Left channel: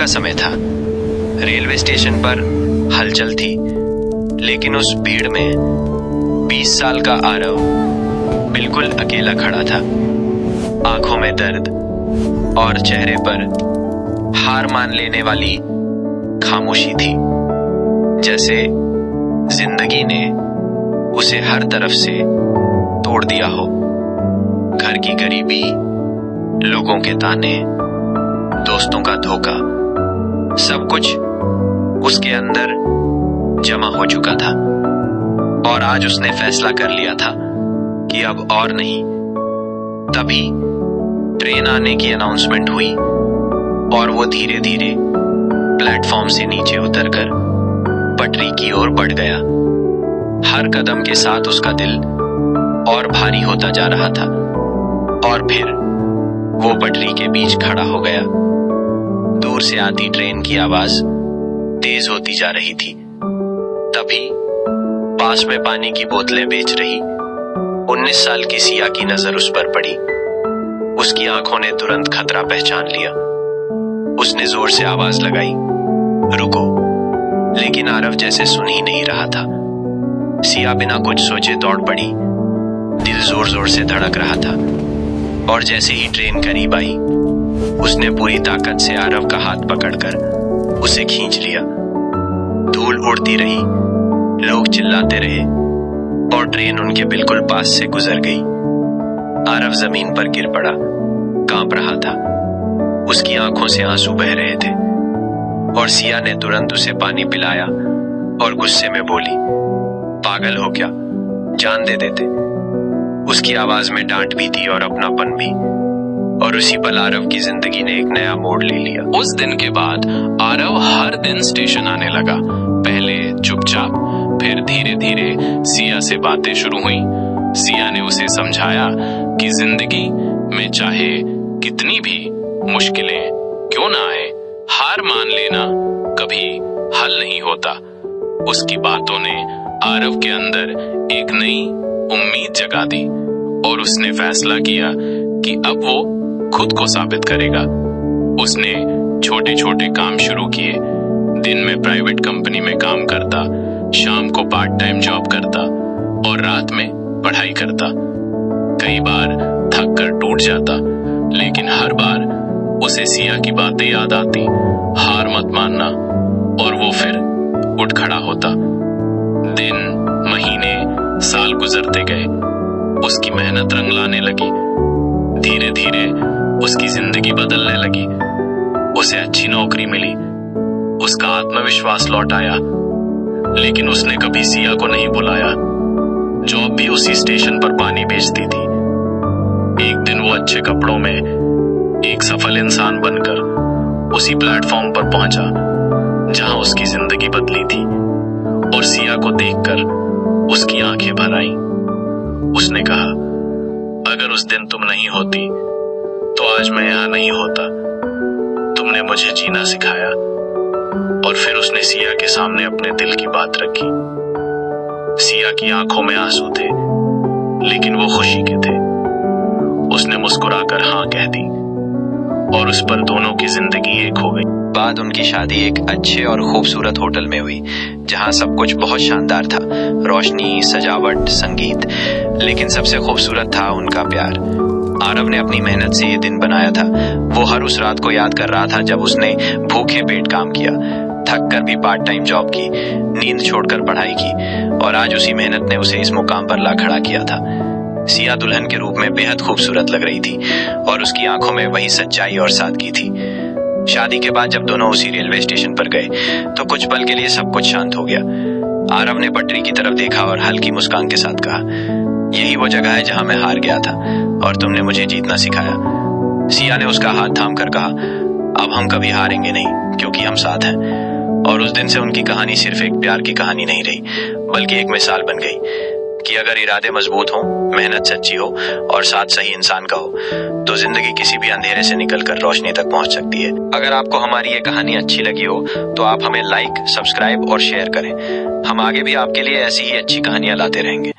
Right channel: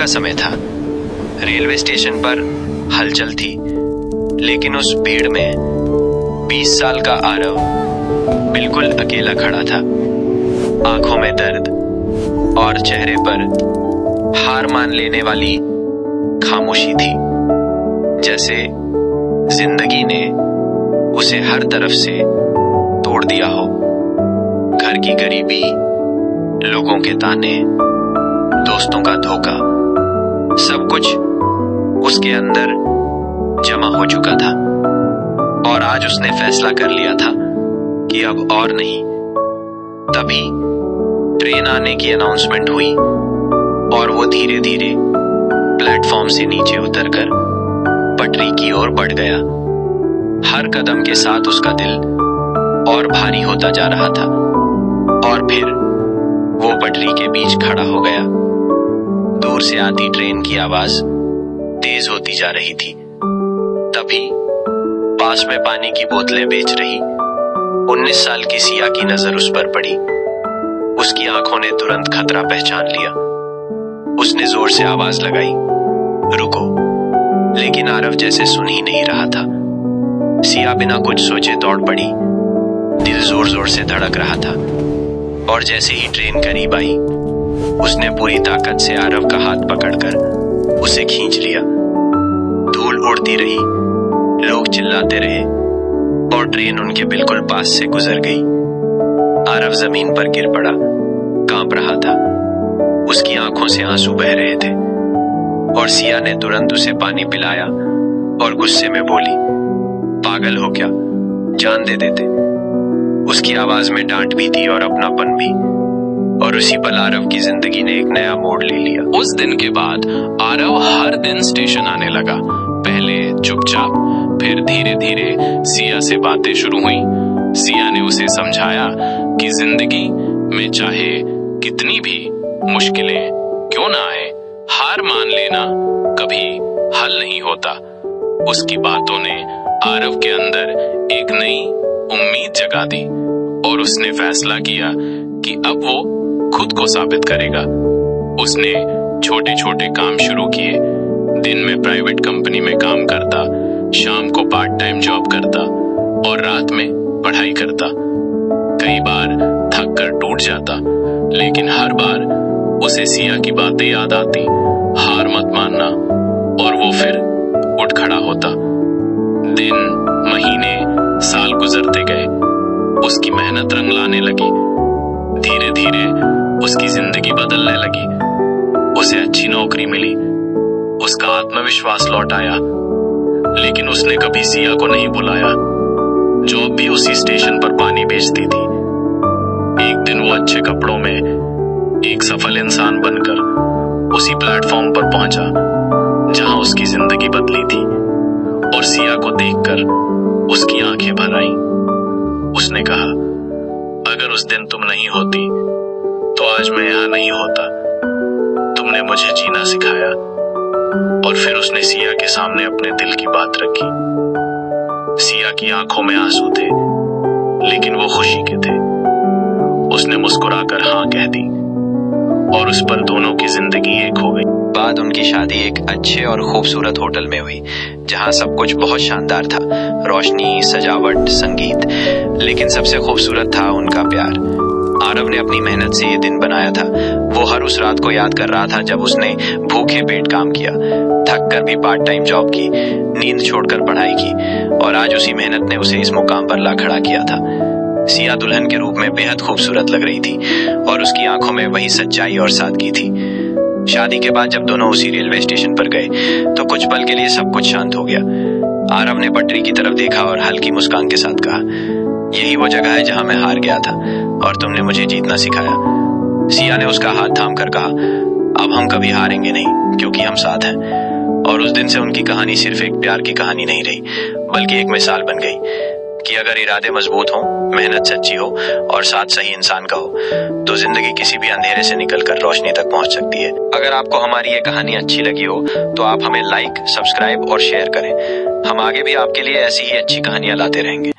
का समय था। रेलवे स्टेशन पर हलचल थी, लेकिन उस भीड़ में 20 साल का आरव बिल्कुल अकेला खड़ा था। आंखों में दर्द और चेहरे पर हार मान लेने वाली खामोशी थी, जैसे जिंदगी ने उसे हर तरफ से तोड़ दिया हो। घर की गरीबी, लोगों के ताने, दोस्तों का धोखा, सब कुछ उसके अंदर जमा हो चुका था। और आज उसने फैसला कर लिया था कि अब और नहीं। तभी ट्रेन आने की अनाउंसमेंट हुई और वो धीरे धीरे प्लेटफॉर्म से नीचे उतरकर पटरी की ओर बढ़ गया। हर कदम के साथ उसका दिल और भारी होता जा रहा था। और फिर वो पटरी के बीच खड़ा हो गया। दूर से आती ट्रेन की आवाज तेज होती जा रही थी। तभी पास में पानी की बोतलें बेच रही 19 साल की सिया की नजर उस पर पड़ी। उसकी आंखों ने तुरंत खतरा पहचान लिया। उसने जोर से आवाज लगाई, रुको, लेकिन आरव जैसे सुन ही नहीं रहा था। सिया बिना कुछ सोचे दौड़ पड़ी। दिल जोर जोर से धड़क रहा था और जैसे ही ट्रेन करीब आई, उसने पूरी ताकत से आरव का हाथ पकड़कर उसे खींच लिया। धूल उड़ती रही, लोग चिल्लाते रहे और ट्रेन उनके बिल्कुल पास से गुजर गई। आरव जमीन पर गिर पड़ा, कांप रहा था। उसकी आंखों से आंसू बह रहे थे और सिया ने तुरंत उसे पानी पिलाया और गुस्से में बोली, पागल हो क्या, जान दे देते। उसकी आवाज में डांट भी थी और अपनापन भी। और उसी पल आरव की जिंदगी ने एक नया मोड़ ले लिया। उस दिन के बाद आरव हर दिन स्टेशन आने लगा। पहले चुपचाप, फिर धीरे धीरे सिया से बातें शुरू हुई। सिया ने उसे समझाया कि जिंदगी में चाहे कितनी भी मुश्किलें क्यों ना आए, हार मान लेना कभी हल नहीं होता। उसकी बातों ने आरव के अंदर एक नई उम्मीद जगा दी और उसने फैसला किया कि अब वो खुद को साबित करेगा। उसने छोटे छोटे काम शुरू किए। दिन में प्राइवेट कंपनी में काम करता, शाम को पार्ट टाइम जॉब करता और रात में पढ़ाई करता। कई बार थक कर टूट जाता, लेकिन हर बार उसे सिया की बातें याद आती, हार मत मानना, और वो फिर उठ खड़ा होता। दिन, महीने, साल गुजरते गए। उसकी मेहनत रंग लाने लगी। धीरे धीरे उसकी जिंदगी बदलने लगी। उसे अच्छी नौकरी मिली, उसका आत्मविश्वास लौट आया। लेकिन उसने कभी सिया को नहीं बुलाया। जॉब भी उसी स्टेशन पर पानी बेचती थी। एक दिन वो अच्छे कपड़ों में एक सफल इंसान बनकर उसी प्लेटफॉर्म पर पहुंचा जहां उसकी जिंदगी बदली थी। और सिया को देखकर उसकी आंखें भर आईं। उसने कहा, अगर उस दिन तुम नहीं होती तो आज मैं यहां नहीं होता। तुमने मुझे जीना सिखाया। और फिर उसने सिया के सामने अपने दिल की बात रखी। सिया की आंखों में आंसू थे, लेकिन वो खुशी के थे। उसने मुस्कुराकर हाँ कह दी और उस पर दोनों की जिंदगी एक हो गई। बाद उनकी शादी एक अच्छे और खूबसूरत होटल में हुई, जहां सब कुछ बहुत शानदार था, रोशनी, सजावट, संगीत। लेकिन सबसे खूबसूरत था उनका प्यार। आरव ने अपनी मेहनत से ये दिन बनाया था। वो हर उस रात को याद कर रहा था जब उसने भूखे पेट काम किया, थक कर भी पार्ट टाइम जॉब की, नींद छोड़कर पढ़ाई की, और आज उसी मेहनत ने उसे इस मुकाम पर ला खड़ा किया था। सिया दुल्हन के रूप में बेहद खूबसूरत लग रही थी और उसकी आंखों में वही सच्चाई और सादगी थी। शादी के बाद जब दोनों उसी रेलवे स्टेशन पर गए तो कुछ पल के लिए सब कुछ शांत हो गया। आरव ने पटरी की तरफ देखा और हल्की मुस्कान के साथ कहा, यही वो जगह है जहां मैं हार गया था और तुमने मुझे जीतना सिखाया। सिया ने उसका हाथ थाम कर कहा, अब हम कभी हारेंगे नहीं, क्योंकि हम साथ हैं। और उस दिन से उनकी कहानी सिर्फ एक प्यार की कहानी नहीं रही, बल्कि एक मिसाल बन गई कि अगर इरादे मजबूत हों, मेहनत सच्ची हो और साथ सही इंसान का हो, तो जिंदगी किसी भी अंधेरे से निकलकर रोशनी तक पहुंच सकती है। अगर आपको हमारी ये कहानी अच्छी लगी हो तो आप हमें लाइक, सब्सक्राइब और शेयर करें। हम आगे भी आपके लिए ऐसी ही अच्छी कहानियां लाते रहेंगे।